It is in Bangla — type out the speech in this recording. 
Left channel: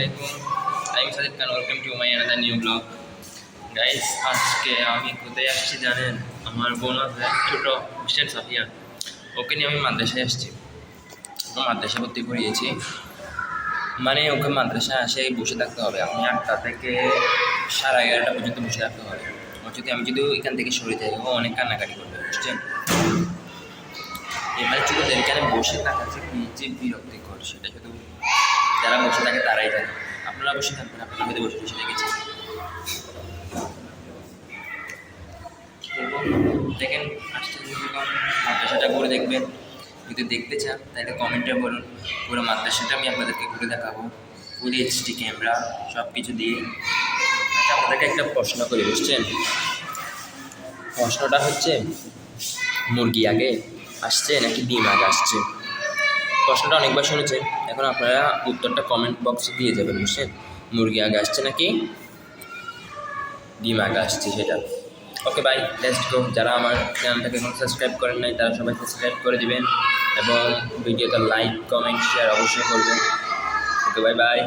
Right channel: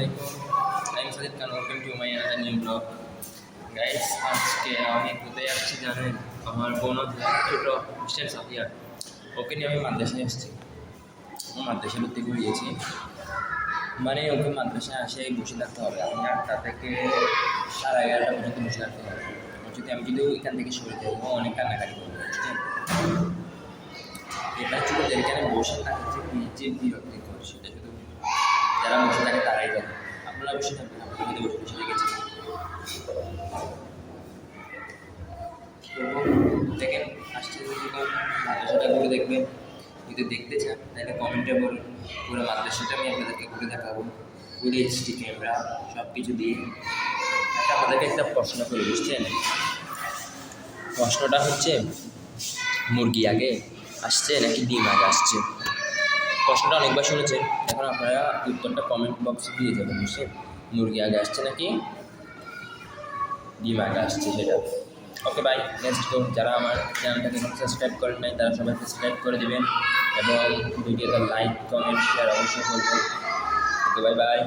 আলাইকুম। আমি Sajid Khan welcome to my another new blog guys আজকে আমি কোথায় আসছি জানেন? আমার বোন আছে, ছোটো মিস্টার সাফিয়া। ওকে নিয়ে আমি মাদ্রাসায় আসছি। মাদ্রাসা ভর্তি করিয়েছি। মানে ওকে মাদ্রাসায় আসে বসে থাকতে হবে। আপনি আটটা থেকে সাড়ে এগারোটা পর্যন্ত বসে থাকতে হবে। যদি, আমি যদি এখান থেকে সরে যাই, ও অনেক কান্নাকাটি করবে, বুঝছেন? এবার ছোটোদের এখানে বসে থাকা যে যে বিরক্তিকর, সেটা শুধু যারা বসে থাকে তারাই জানে। আপনারা বসে থাকবেন, আপনারা হয়তো বসে বসে দেখেছেন। দেখেন যখন মাদ্রাসাটা ঘুরে দেখবেন যদি দেখতে চান, তাহলে কমেন্টে বলুন, পুরো মাদ্রাসাটা আমি আপনাদেরকে ঘুরে দেখাবো। ফুল এইচডি ক্যামেরা সব কিছু দিয়ে। আচ্ছা আপনাদেরকে একটা প্রশ্ন করি, বুঝছেন? প্রশ্নটা হচ্ছে, মুরগি আগে আসছে নাকি ডিম আগে আসছে? প্রশ্নটা অনেকবার শুনেছেন এখন আপনারা উত্তরটা কমেন্ট বক্সে দিয়ে যাবেন বুঝছেন মুরগি আগে আসছে নাকি? ডিম আগে আসছে সেটা। ওকে বাই লেটস গো যারা আমার চ্যানেলটাকে এখন সাবস্ক্রাইব করেন নাই, তারা সবাই সাবস্ক্রাইব করে দিবেন। এবং ভিডিওতে লাইক কমেন্ট শেয়ার অবশ্যই করবেন। Okay bye bye